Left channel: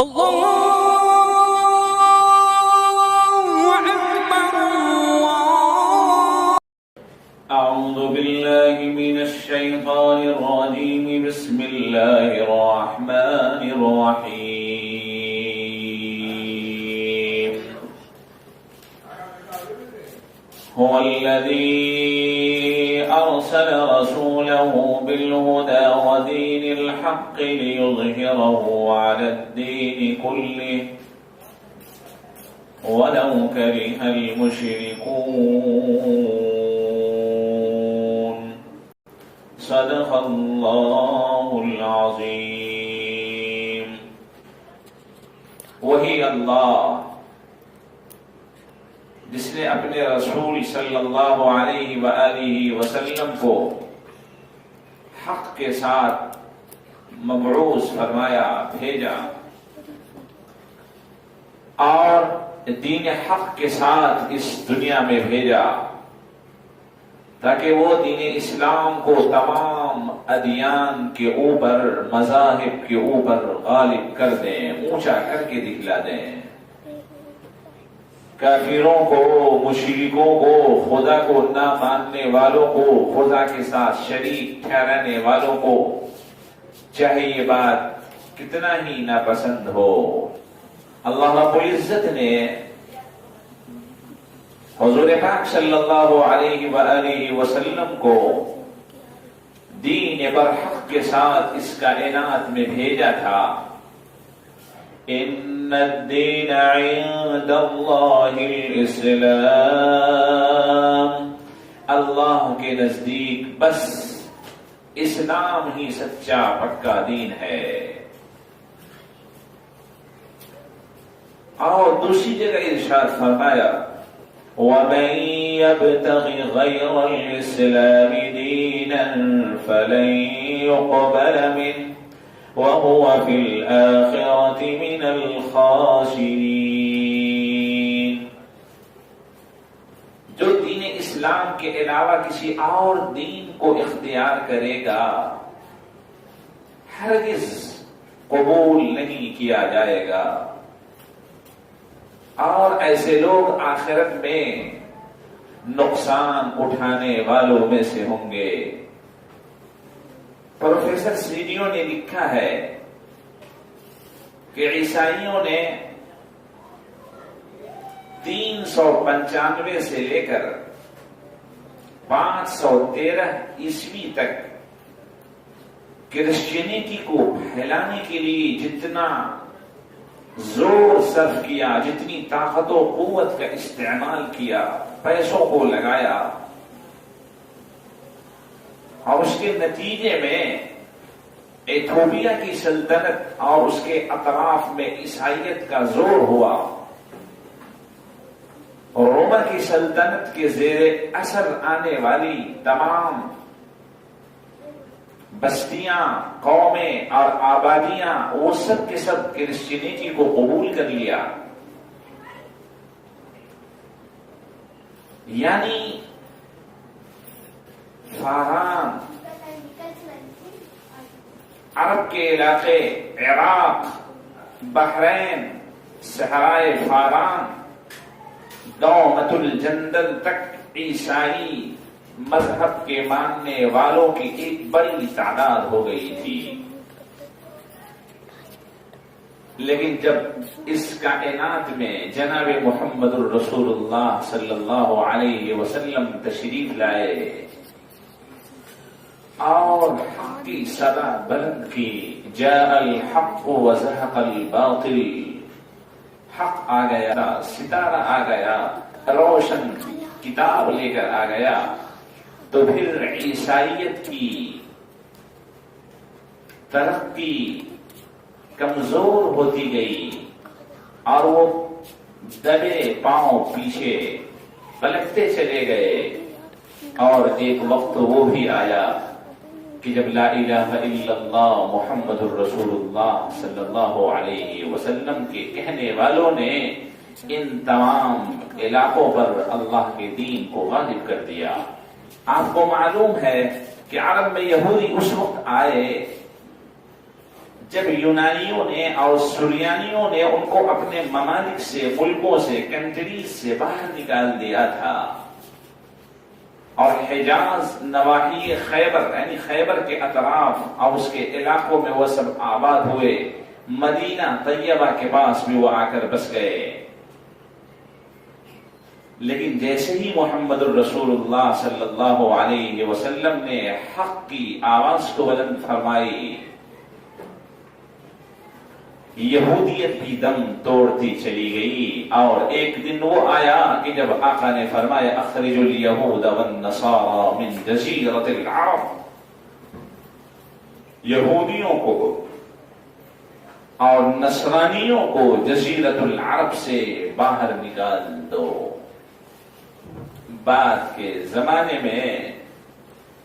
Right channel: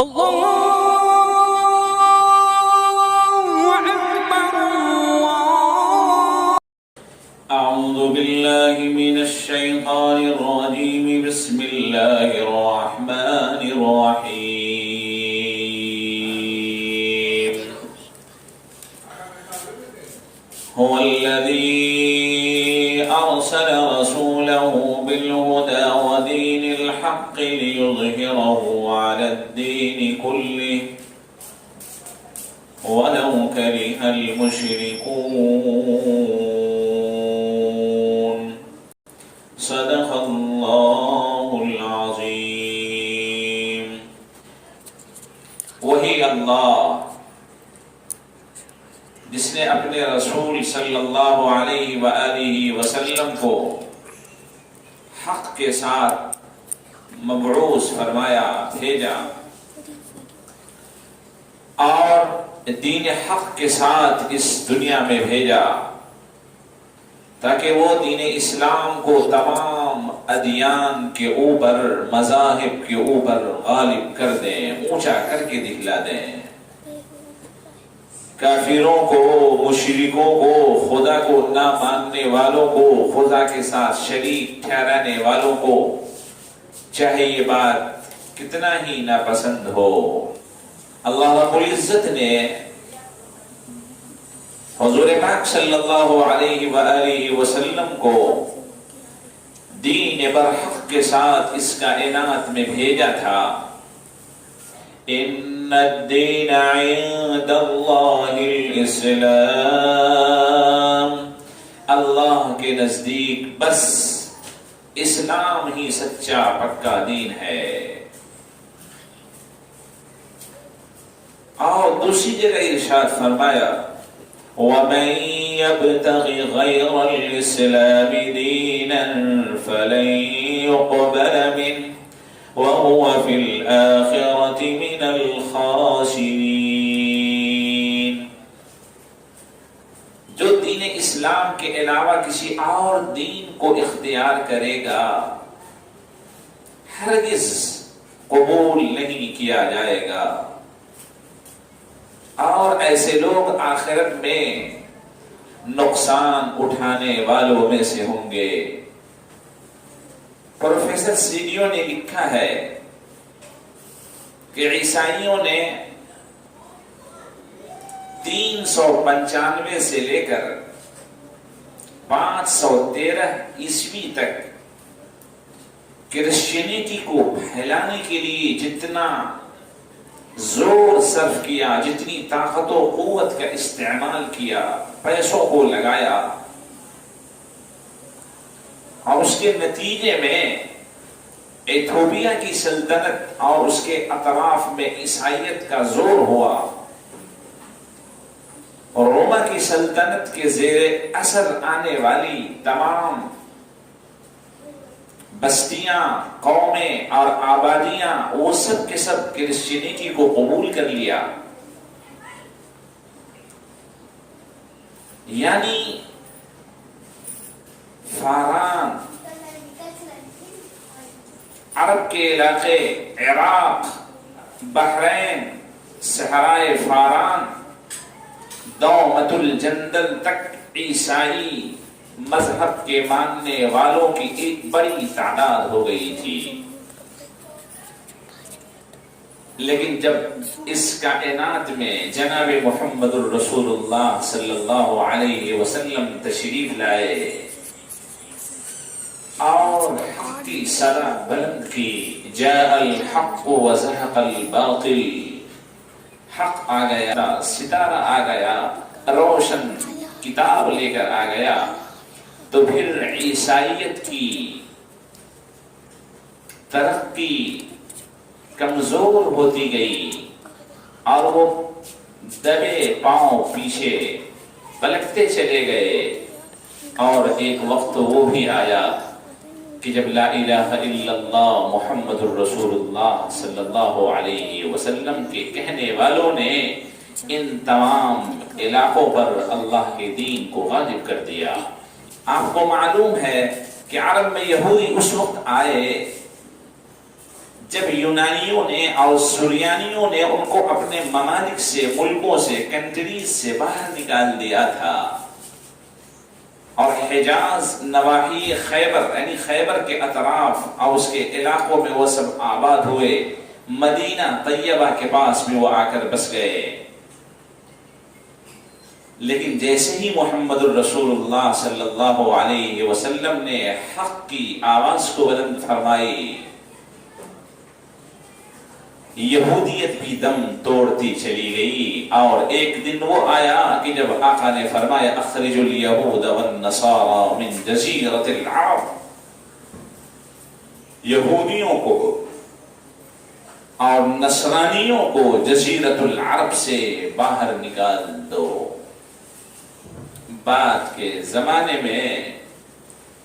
أعوذ بالله من الشيطان الرجيم. بسم الله الرحمن الرحيم. هو الذي أرسل رسوله بالهدى ودين الحق ليظهره على الدين كله ولو كره المشركون. صدق اللہ العظیم. وہی اللہ جس نے اپنے رسول صلی اللہ علیہ وآلہ وسلم کو حق کے ساتھ مبعوث فرمایا، بھیجا، اور دین حق کے ساتھ اس دنیا میں بھیجا تاکہ وہ دین اسلام کو تمام ادیان کے اوپر، مذاہب کے اوپر غالب کر دیں، اونچا کر کے دکھلا دیں. کافروں کو، مشرکوں کو، خدا کو نہ ماننے والوں کو، خدا کے ساتھ شریک ٹھہرانے والوں کو، چاہے یہ بات کتنا ہی ناپسند ہو، اللہ رب العزت نے حضور پاک صلی اللہ علیہ وآلہ وسلم کو دین برحق کے ساتھ اس کائنات میں بھیجا تھا. ان الدین عند اللہ الاسلام. اللہ کے نزدیک بس اسلام ہی سچا پکا دین ہے. اور دوسری جگہ ارشاد فرمایا، وَمَن يَبْتَغِ غَيْرَ الْإِسْلَامِ دِينًا فَلَن يُقْبَلَ مِنْهُ وَهُوَ فِي الْآخِرَةِ مِنَ الْخَاسِرِينَ. جو دین اسلام کے علاوہ کسی اور دین کو اختیار کرے گا ہرگز قبول نہیں کیا جائے گا، اور ایسے لوگ آخرت میں نقصان اٹھانے والوں میں سے ہوں گے. پروفیسر سیڈیو نے لکھا ہے کہ عیسائیوں نے 395 سے لے کر 513 عیسوی تک کرسچینٹی کو پھیلانے کے لیے جتنا زور صرف کیا، جتنی طاقت و قوت کا استعمال کیا، پیسوں کو لگایا، اور اس کے نتیجے میں ایتھوپیا کی سلطنت اور اس کے اطراف میں عیسائیت کا زور ہوا، اور روما کی سلطنت کے زیر اثر آنے والی تمام بستیاں، قومیں اور آبادیاں، وہ سب کے سب کرسچینٹی کو قبول کر لیا. یعنی فاران، عرب کے علاقے، عراق، بحرین، صحرائے فاران، دومت الجندل تک عیسائی مذہب کے ماننے والوں کی ایک بڑی تعداد ہو گئی تھی. لیکن جب اس کائنات میں جناب محمد الرسول اللہ صلی اللہ علیہ وسلم تشریف لائے اور حق کی صدا بلند کی، جاء الحق وزهق الباطل، حق آ گیا، ستارہ آ گیا، روشن کتاب لے کر آ گیا، تو پھر عیسائیت کی ترقی کمزور ہوتی گئی اور وہ دبے پاؤں پیچھے پلٹتے چلے گئے. اور ایک وقت وہ بھی آیا کہ جب لا الہ الا اللہ محمد الرسول اللہ صلی اللہ علیہ وسلم کے کہنے والوں نے ان تمام علاقوں پر اللہ کے دین کو غالب کر دیا. آپ کو معلوم ہے کہ عرب میں یہودی اس وقت آئے جب یونانیوں نے اور سریانیوں نے ان کو اپنے ممالک سے، ملکوں سے، کنٹریز سے باہر نکال دیا تھا اور حجاز، نواحی خیبر یعنی خیبر کے اطراف اور اس کے علاقوں میں وہ سب آباد ہوئے، مدینہ طیبہ کے پاس بھی وہ آ کر بس گئے، لیکن جیسے ہی محمد الرسول اللہ صلی اللہ علیہ وسلم نے حق کی آواز کو بلند فرمائی، یہودیت بھی دم توڑتی چلی گئی۔ اور ایک دن وہ آیا کہ جب آقا نے فرمایا اخرج الیہود والنصارى من جزیرۃ العرب، یہودیوں کو اور نصرانیوں کو جزیرۃ العرب سے باہر نکال دو۔ بعد کے زمانے میں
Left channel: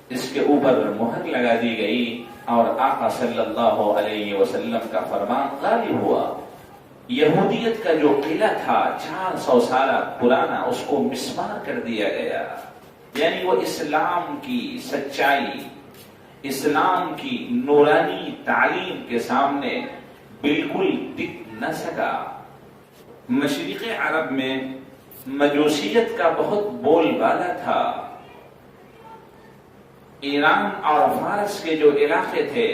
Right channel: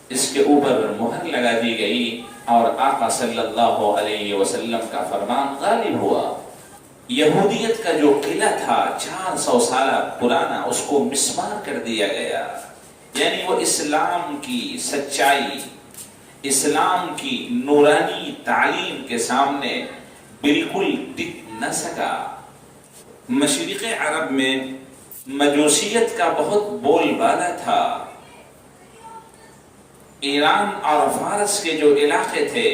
اس کے اوپر مہر لگا دی گئی اور آقا صلی اللہ علیہ وسلم کا فرمان غالب ہوا۔ یہودیت کا جو قلعہ تھا 400 سالہ پرانا، اس کو مسمار کر دیا گیا، یعنی وہ اسلام کی سچائی، اسلام کی نورانی تعلیم کے سامنے بالکل ٹک نہ سکا۔ مشرق عرب میں مجوسیت کا بہت بول بالا تھا۔ ایران اور فارس کے جو علاقے تھے،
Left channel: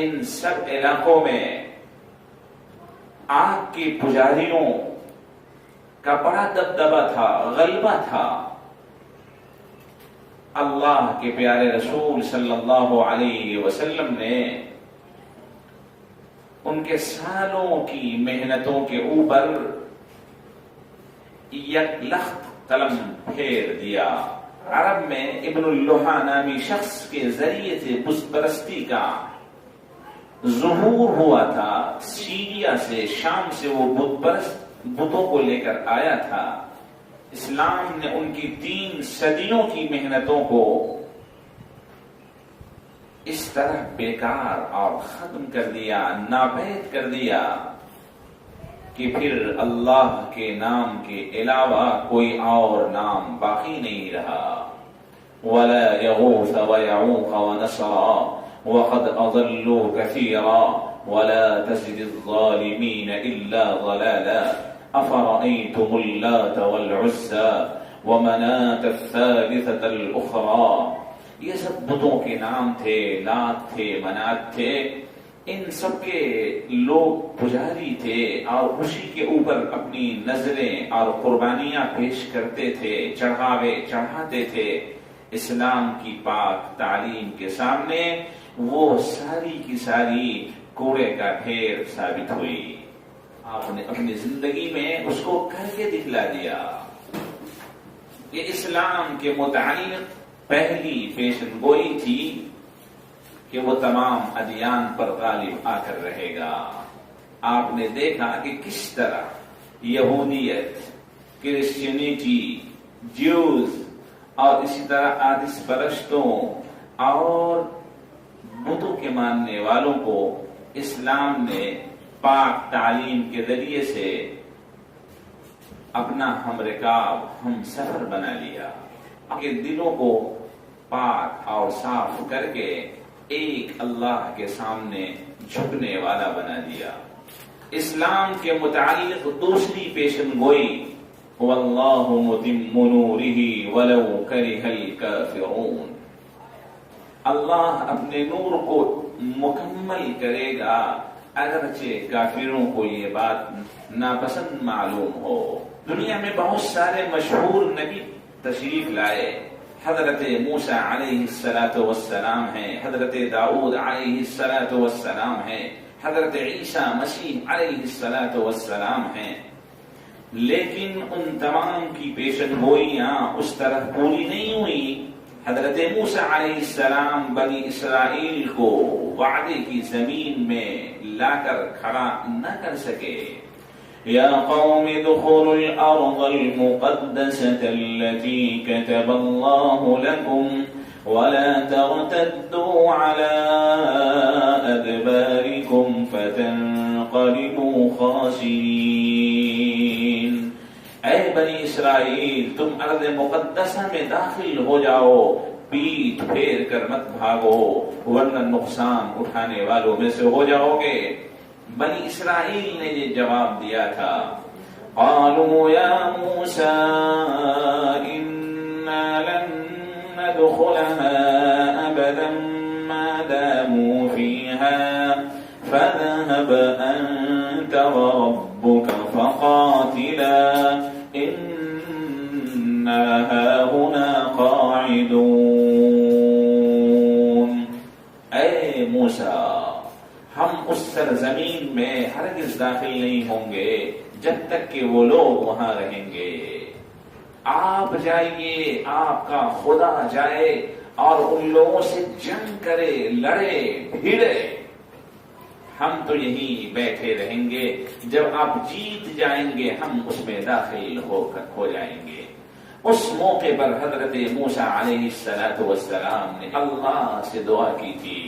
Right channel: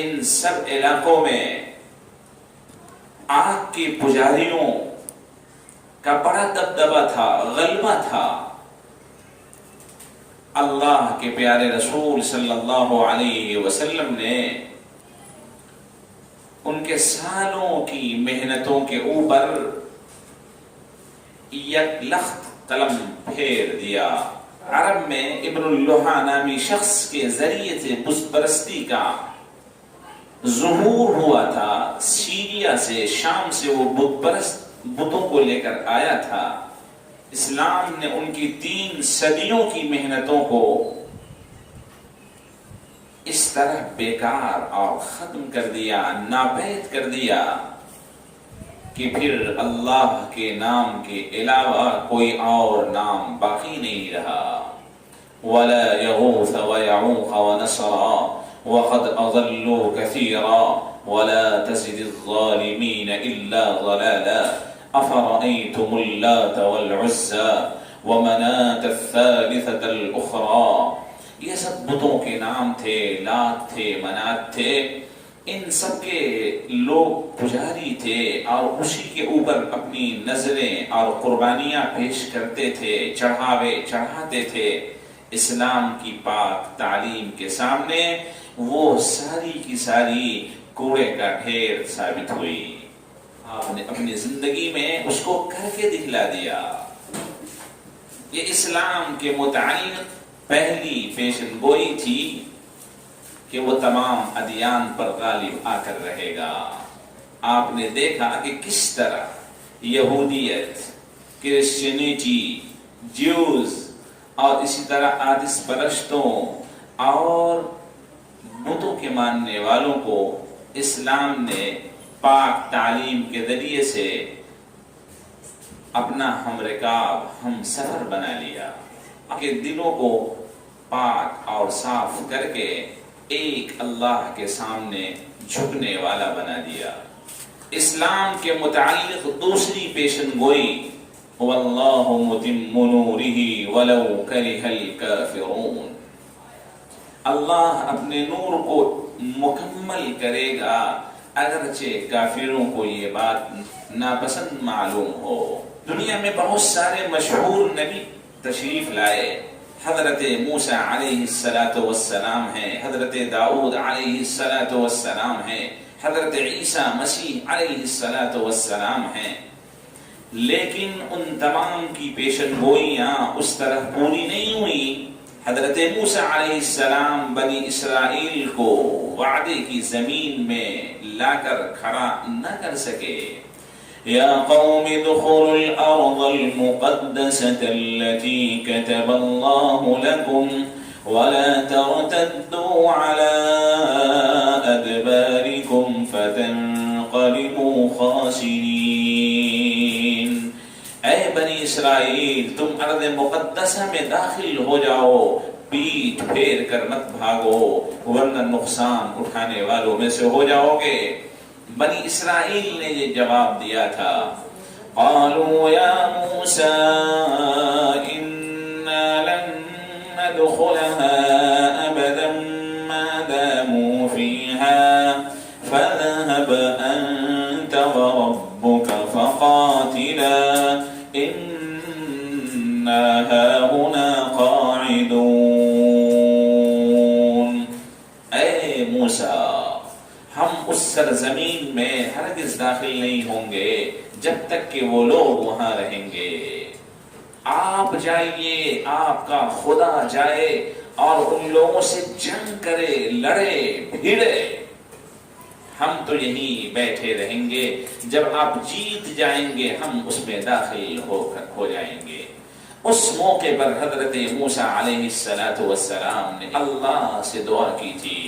ان سب علاقوں میں آگ کے پجاریوں کا بڑا دبدبا تھا، غلبہ تھا۔ اللہ کے پیارے رسول صلی اللہ علیہ وسلم نے ان کے سالوں کی محنتوں کے اوپر یک لخت قلم پھیر دیا۔ عرب میں ابن اللوحا نامی شخص کے ذریعے سے بت پرستی کا ظہور ہوا تھا۔ سیریا سے، شام سے وہ بت پرست بتوں کو لے کر آیا تھا۔ اسلام نے ان کی 3 صدیوں کی محنتوں کو اس طرح بیکار اور ختم کر دیا، ناپید کر دیا کہ پھر اللہ کے نام کے علاوہ کوئی اور نام باقی نہیں رہا۔ وَلَا يَغُوثَ وَيَعُوقَ وَنَسْرًا وَقَدْ أَضَلُّوا كَثِيرًا وَلَا تَزِدِ الظَّالِمِينَ إِلَّا ضَلَالًا أَفَرَأَيْتُمُ اللَّاتَ وَالْعُزَّى وَمَنَاةَ الثَّالِثَةَ الْأُخْرَى، یہ سب بتوں کے نام تھے، لات تھے، منات تھے، ان سب کے لوگ پجاری تھے اور اسی کے اوپر اپنی نظریں اور قربانیاں پیش کرتے تھے، چڑھاوے چڑھاتے تھے۔ اسلام کی پاک تعلیم کے سامنے وہ ساری کی ساری کوڑے کا ڈھیر ثابت ہوئی۔ آپ نے اپنی زندگی میں اس کو کر کے دکھلا دیا۔ یہ اسلام کے متعلق پہلی پیشن گوئی تھی کہ وہ تمام ادیان پر غالب آ کر رہے گا۔ آپ نے دیکھا کہ کس طرح یہودیت، کرسچینٹی، جیوز اور اسی طرح آتش پرستوں اور بتوں کے ماننے والوں کو اسلام نے پاک تعلیم کے ذریعے سے اپنا ہم رکاب، ہم سفر بنا لیا، کہ دلوں کو پاک اور صاف کر کے ایک اللہ کے سامنے جھکنے والا بنا دیا۔ اسلام کے متعلق دوسری پیشن گوئی، وَاللَّهُ مُتِمُّ نُورِهِ وَلَوْ كَرِهَ الْكَافِرُونَ، اللہ اپنے نور کو مکمل کرے گا اگرچہ کافروں کو یہ بات ناپسند معلوم ہو۔ دنیا میں بہت سارے مشہور نبی تشریف لائے، حضرت موسیٰ علیہ السلام ہیں، حضرت داؤد علیہ السلام ہیں، حضرت عیسیٰ مسیح علیہ السلام ہیں، لیکن ان تمام کی پیشن گوئیاں اس طرح پوری نہیں ہوئی۔ حضرت موسیٰ علیہ السلام بنی اسرائیل کو وعدے کی زمین میں لا کر کھڑا نہ کر سکے۔ يا قوم ادخلوا الأرض المقدسة التي كتب الله لكم ولا ترتدوا على أدباركم فتنقلبوا خاسرين۔ اے بنی اسرائیل، تم ارض مقدسہ میں داخل ہو جاؤ، پیٹھ پھیر کر مت بھاگو، ورنہ نقصان اٹھانے والوں میں سے ہو جاؤ گے۔ بنی اسرائیل نے یہ جواب دیا تھا، قالوا یا موسیٰ انا لن ندخلها ابدا ما داموا فيها فاذهب انت وربك فقاتلا انا هاهنا قاعدون۔ اے موسیٰ، ہم اس سرزمین میں ہرگز داخل نہیں ہوں گے جب تک کہ وہ لوگ وہاں رہیں گے۔ آپ جائیے، آپ کا خدا جائے اور ان لوگوں سے جنگ کرے، لڑے بھیڑے، ہم تو یہیں بیٹھے رہیں گے، جب آپ جیت جائیں گے ہم اس میں داخل ہو جائیں گے۔ اس موقع پر حضرت موسیٰ علیہ السلام نے اللہ سے دعا کی تھی،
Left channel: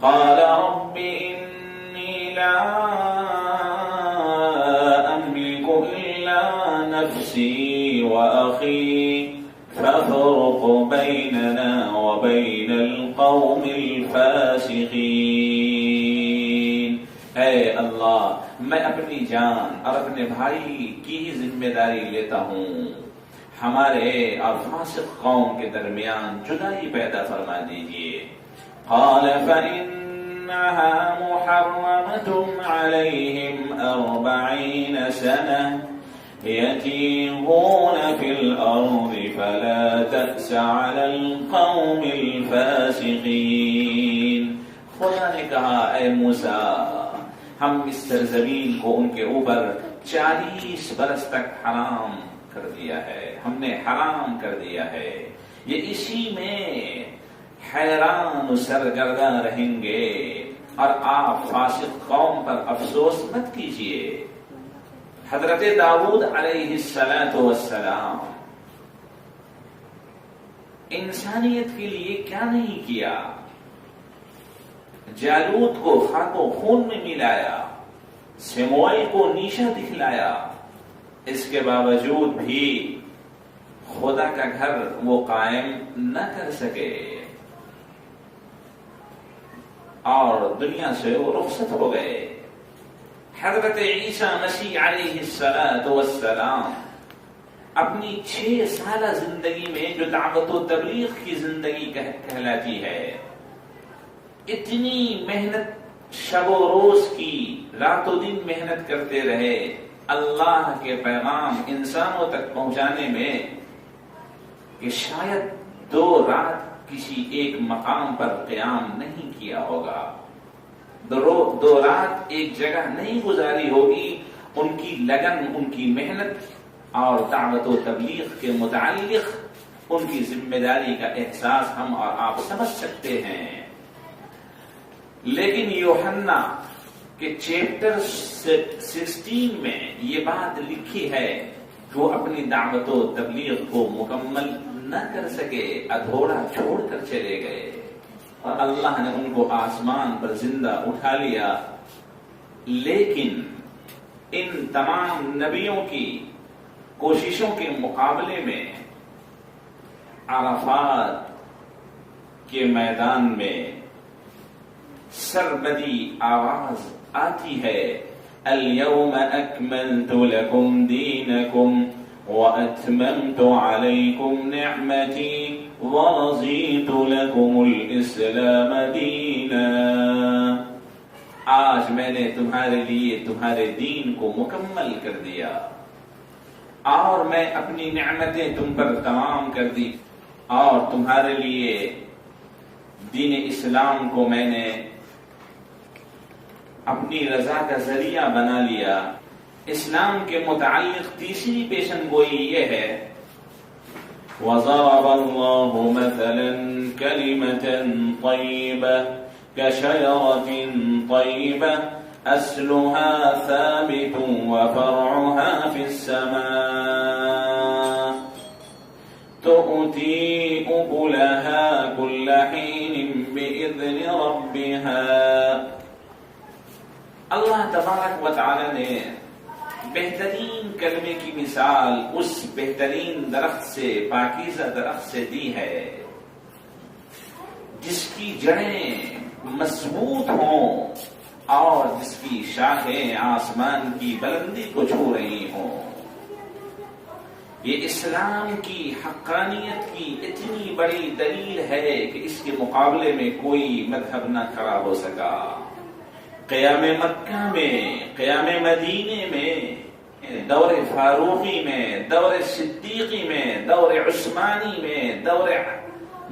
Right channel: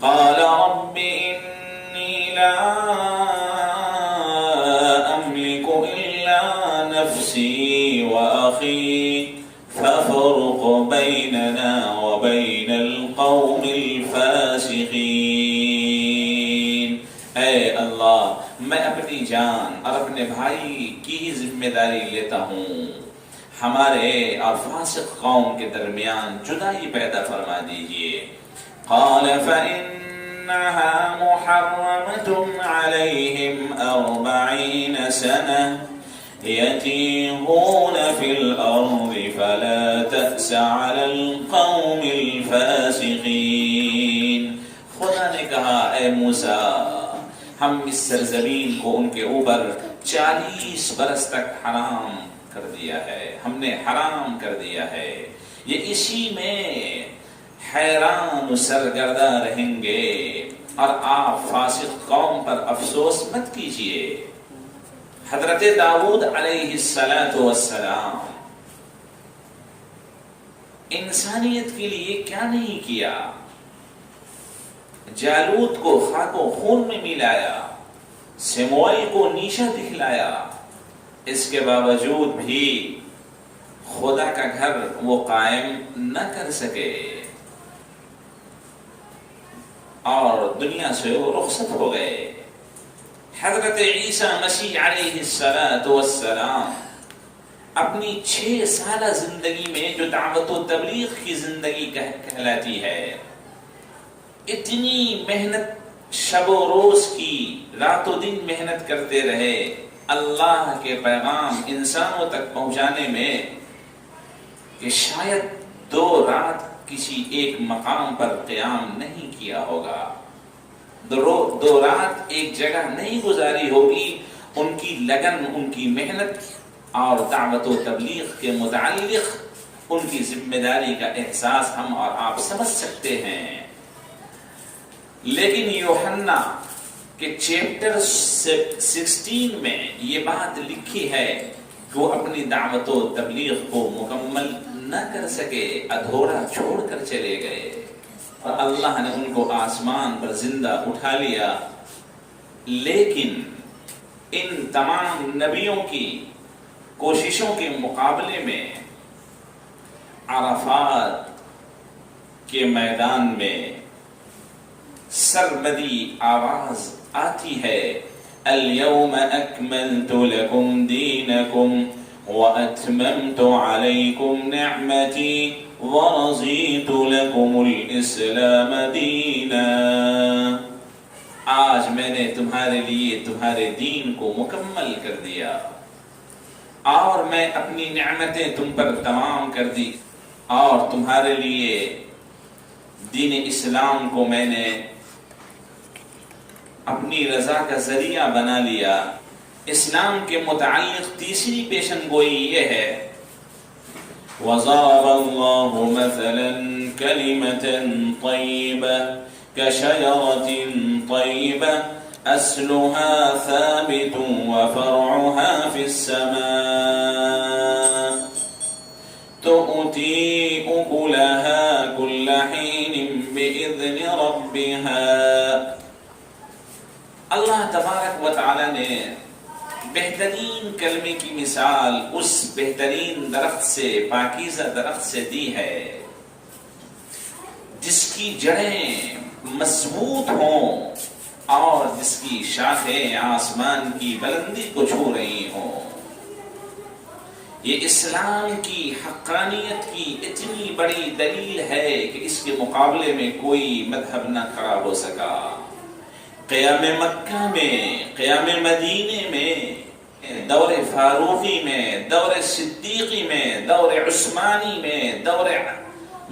قال رب انی لا املک الا نفسی واخی فافرق بیننا وبین القوم الفاسقین۔ اے اللہ، میں اپنی جان اور اپنے بھائی کی ہی ذمہ داری لیتا ہوں، ہمارے اور فاسق قوم کے درمیان جدائی پیدا فرما دیجیے۔ قال فإنها محرمة عليهم 40 سنة يتيهون في الأرض فلا تأس على القوم الفاسقين۔ خدا نے کہا، اے موسیٰ، ہم اس سرزمین کو ان کے اوپر 40 برس تک حرام کر دیا ہے، ہم نے حرام کر دیا ہے، یہ اسی میں حیران و سرگردہ رہیں گے، اور آپ فاسق قوم پر افسوس مت کیجیے۔ حضرت داؤد علیہ السلام انسانیت کے لیے کیا نہیں کیا، جالوت کو خاک و خون میں ملایا، سموئیل کو نیشہ دکھلایا، اس کے باوجود بھی خدا کا گھر وہ قائم نہ کر سکے اور دنیا سے وہ رخصت ہو گئے۔ حضرت عیسیٰ مسیح علیہ السلام اپنی 6 سالہ زندگی میں جو دعوت و تبلیغ کی زندگی کہلاتی ہے، اتنی محنت شب و روز کی، رات و دن محنت کرتے رہے اللہ کے پیغام انسانوں تک پہنچانے میں، کہ شاید 2 رات کسی ایک مقام پر قیام نہیں کیا ہوگا، 2 رات ایک جگہ نہیں گزاری ہوگی۔ ان کی لگن، ان کی محنت اور دعوت و تبلیغ کے متعلق ان کی ذمہ داری کا احساس ہم اور آپ سمجھ سکتے ہیں۔ لیکن یوحنا کے چیپٹر 16 میں یہ بات لکھی ہے کہ وہ اپنی دعوت و تبلیغ کو مکمل نہ کر سکے، ادھورا چھوڑ کر چلے گئے، اور اللہ نے ان کو آسمان پر زندہ اٹھا لیا۔ لیکن ان تمام نبیوں کی کوششوں کے مقابلے میں عرفات کے میدان میں سربدی آواز آتی ہے، اليوم اکملت لکم دینکم واتممت علیکم نعمتی ورضیت لکم الاسلام دینا۔ آج میں نے تمہارے لیے تمہارے دین کو مکمل کر دیا، اور میں اپنی نعمتیں تم پر تمام کر دی، اور تمہارے لیے دین اسلام کو میں نے اپنی رضا کا ذریعہ بنا لیا۔ اسلام کے متعلق تیسری پیشن گوئی یہ ہے، وَضَرَبَ اللَّهُ مَثَلًا كَلِمَةً طَيِّبَةً كَشَجَرَةٍ طَيِّبَةٍ أَصْلُهَا ثَابِتٌ وَفَرْعُهَا فِي السَّمَاءِ تُؤْتِي أُكُلَهَا كُلَّ حِينٍ بِإِذْنِ رَبِّهَا۔ اللہ تبارک و تعالی نے بہترین کلمے کی مثال اس بہترین درخت سے، پاکیزہ درخت سے دی ہے کی جڑیں مضبوط ہوں اور جس کی شاخیں آسمان کی بلندی کو چھو رہی ہوں. یہ اسلام کی حقانیت کی اتنی بڑی دلیل ہے کہ اس کے مقابلے میں کوئی مذہب نہ کھڑا ہو سکا. قیام مکہ میں، قیام مدینے میں، دور فاروقی میں، دور صدیقی میں، دور عثمانی میں، دور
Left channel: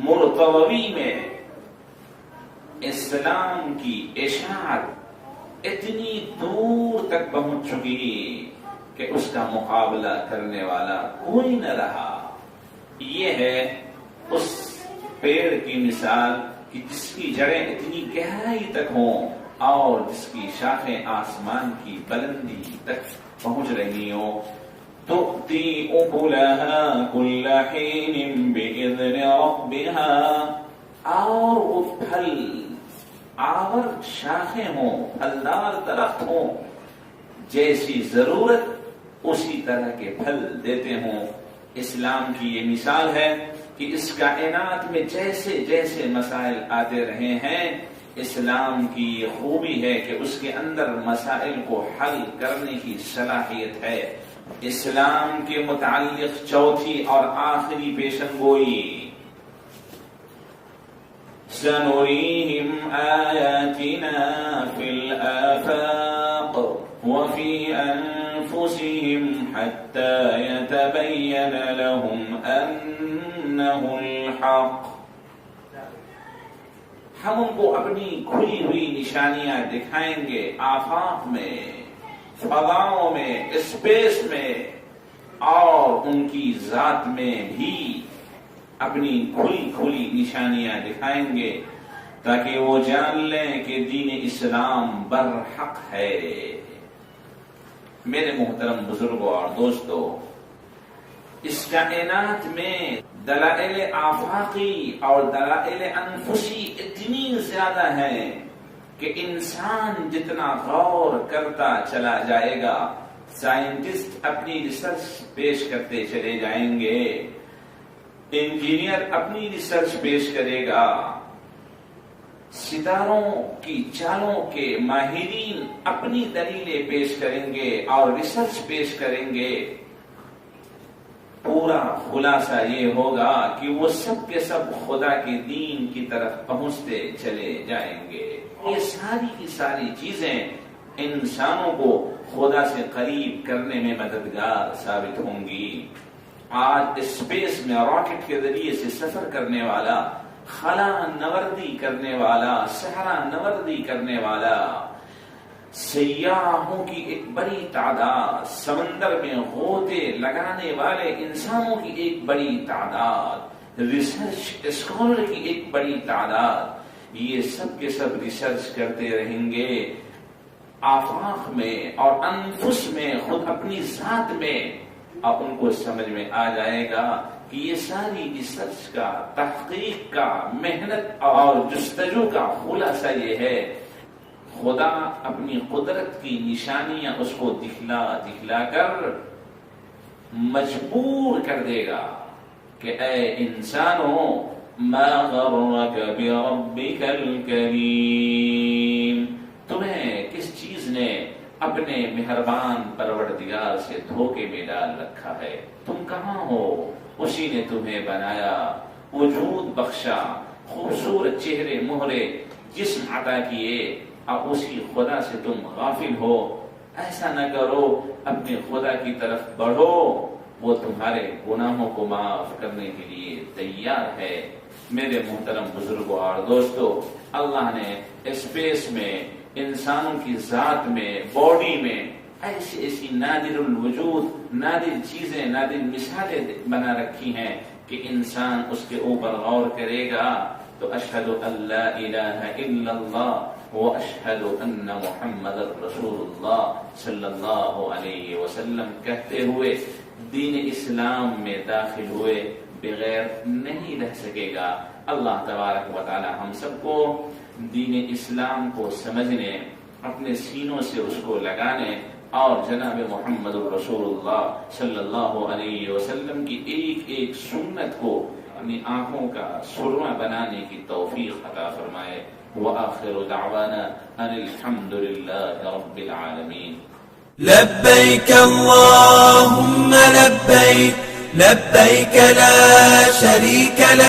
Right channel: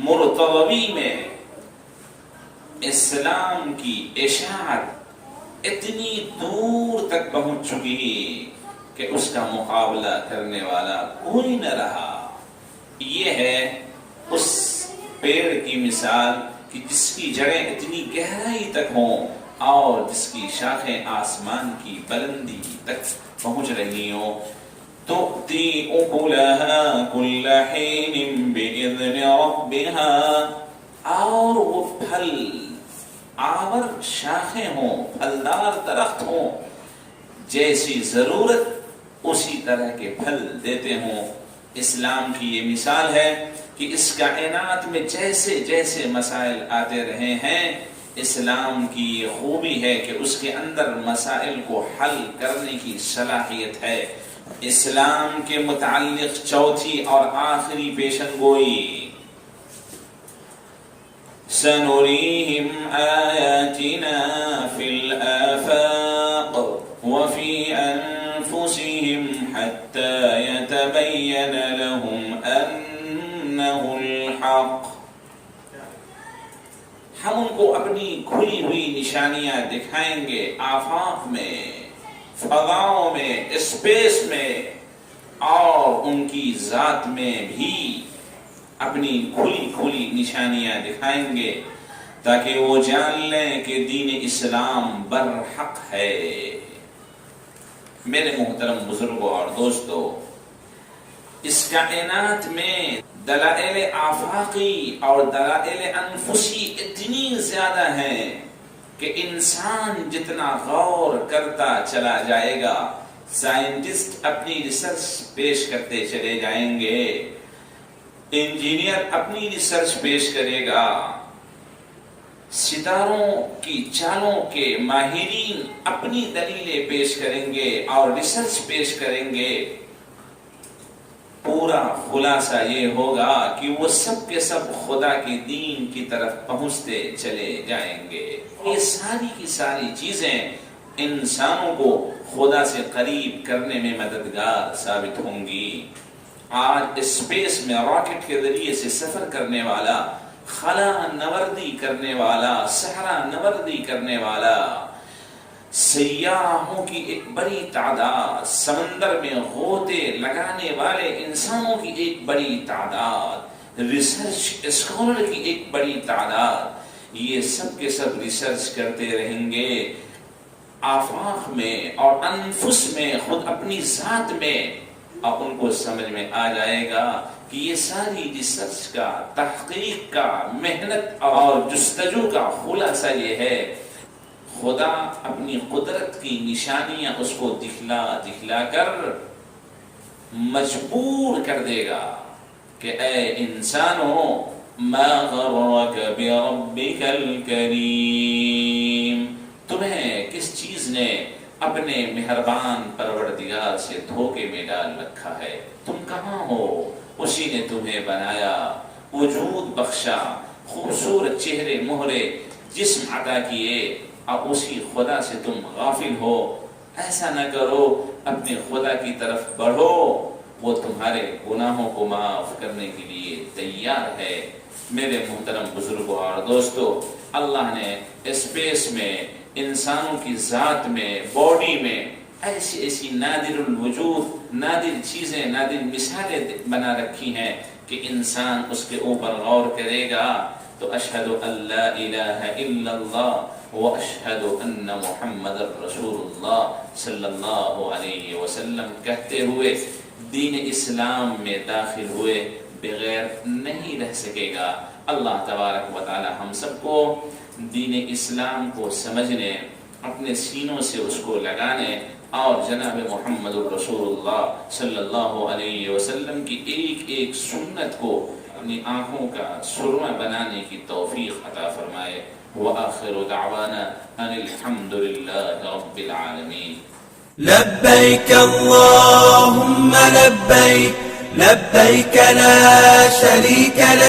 مرتضوی میں اسلام کی اشاعت اتنی دور تک پہنچ چکی کہ اس کا مقابلہ کرنے والا کوئی نہ رہا. یہ ہے اس پیڑ کی مثال کہ جس کی جڑیں اتنی گہرائی تک ہوں اور جس کی شاخیں آسمان کی بلندی تک پہنچ رہی ہوں. تؤتی اکلها کل حین باذن ربها، اور وہ پھل آور شاخیں ہوں، پھلدار درخت ہوں، جیسی ضرورت اسی طرح کے پھل دیتے ہوں. اسلام کی یہ مثال ہے کہ اس کائنات میں جیسے جیسے مسائل آتے رہے ہیں، اسلام کی یہ خوبی ہے کہ اس کے اندر مسائل کو حل کرنے کی صلاحیت ہے. اسلام کے متعلق چوتھی اور آخری پیشن گوئی، سنريهم آياتنا في الآفاق وفي أنفسهم حتى يتبين لهم أنه الحق. ہم ان کو اپنی کھلی ہوئی نشانیاں دکھائیں گے آفاق میں، فضاؤں میں، اسپیس میں، اور ان کی ذات میں بھی اپنی کھلی کھلی نشانیاں دکھائیں گے تاکہ وہ جان لیں کہ دین اسلام برحق ہے. میرے محترم بزرگوں اور دوستو، اس کائنات میں دلائل آفاقی اور دلائل انفسی اتنی زیادہ ہیں کہ انسان جتنا غور کرتا چلا جائے گا، سائنٹسٹ اپنی ریسرچ پیش کرتے چلے جائیں گے، انجینئر اپنی ریسرچ پیش کرے گا، ستاروں کی چالوں کے ماہرین اپنی دلیلیں پیش کریں گے اور ریسرچ پیش کریں گے. پورا خلاصہ یہ ہوگا کہ وہ سب کے سب خدا کے دین کی طرف پہنچتے چلے جائیں گے. یہ ساری کی ساری چیزیں انسانوں کو خدا سے قریب کرنے میں مددگار ثابت ہوں گی. آج اسپیس میں راکٹ کے ذریعے سے سفر کرنے والا، خلا نوردی کرنے والا، صحرا نوردی کرنے والا، سیاحوں کی ایک بڑی تعداد، سمندر میں غوطے لگانے والے انسانوں کی ایک بڑی تعداد، ریسرچ اسکالر کی ایک بڑی تعداد، یہ سب کے سب ریسرچ کرتے رہیں گے آفاق میں اور انفس میں، خود اپنی ذات میں، اور ان کو سمجھ میں آ جائے گا کہ یہ ساری ریسرچ کا، تحقیق کا، محنت اور جستجو کا خلاصہ یہ ہے خدا اپنی قدرت کی نشانیاں اس کو دکھلا دکھلا کر مجبور کر دے گا کہ اے انسانوں، ما غرک بربک الکریم، تمہیں کس چیز نے اپنے مہربان پروردگار سے دھوکے میں ڈال رکھا ہے؟ تم کہاں ہو؟ اسی نے تمہیں بنایا، وجود بخشا، خوبصورت چہرے مہرے جسم عطا کیے، اور اسی خدا سے تم غافل ہو. ایسا نہ کرو، اپنے خدا کی طرف بڑھو، وہ تمہارے گناہوں کو معاف کرنے کے لیے تیار ہے. میرے محترم بزرگوں اور دوستو، اللہ نے اسپیس میں، انسانوں کی ذات میں، باڈی میں ایسی ایسی نادر الوجود، نادر چیزیں، نادر مثالیں بنا رکھی ہیں کہ انسان اس کے اوپر غور کرے گا تو اشہد ان لا الہ الا اللہ و اشہد ان محمد رسول اللہ صلی اللہ علیہ وسلم کہتے ہوئے دین اسلام میں داخل ہوئے بغیر نہیں رہ سکے گا. اللہ تبارک و تعالی ہم سب کو دین اسلام کو سمجھنے، اپنے سینوں سے اس کو لگانے اور جناب محمد رسول اللہ صلی اللہ علیہ وسلم کی ایک ایک سنت کو اپنی آنکھوں کا سرمہ بنانے کی توفیق عطا فرمائے. وآخر دعوانا ان الحمد للہ رب العالمین. لبيك اللهم لبيك لبيك لا شريك لك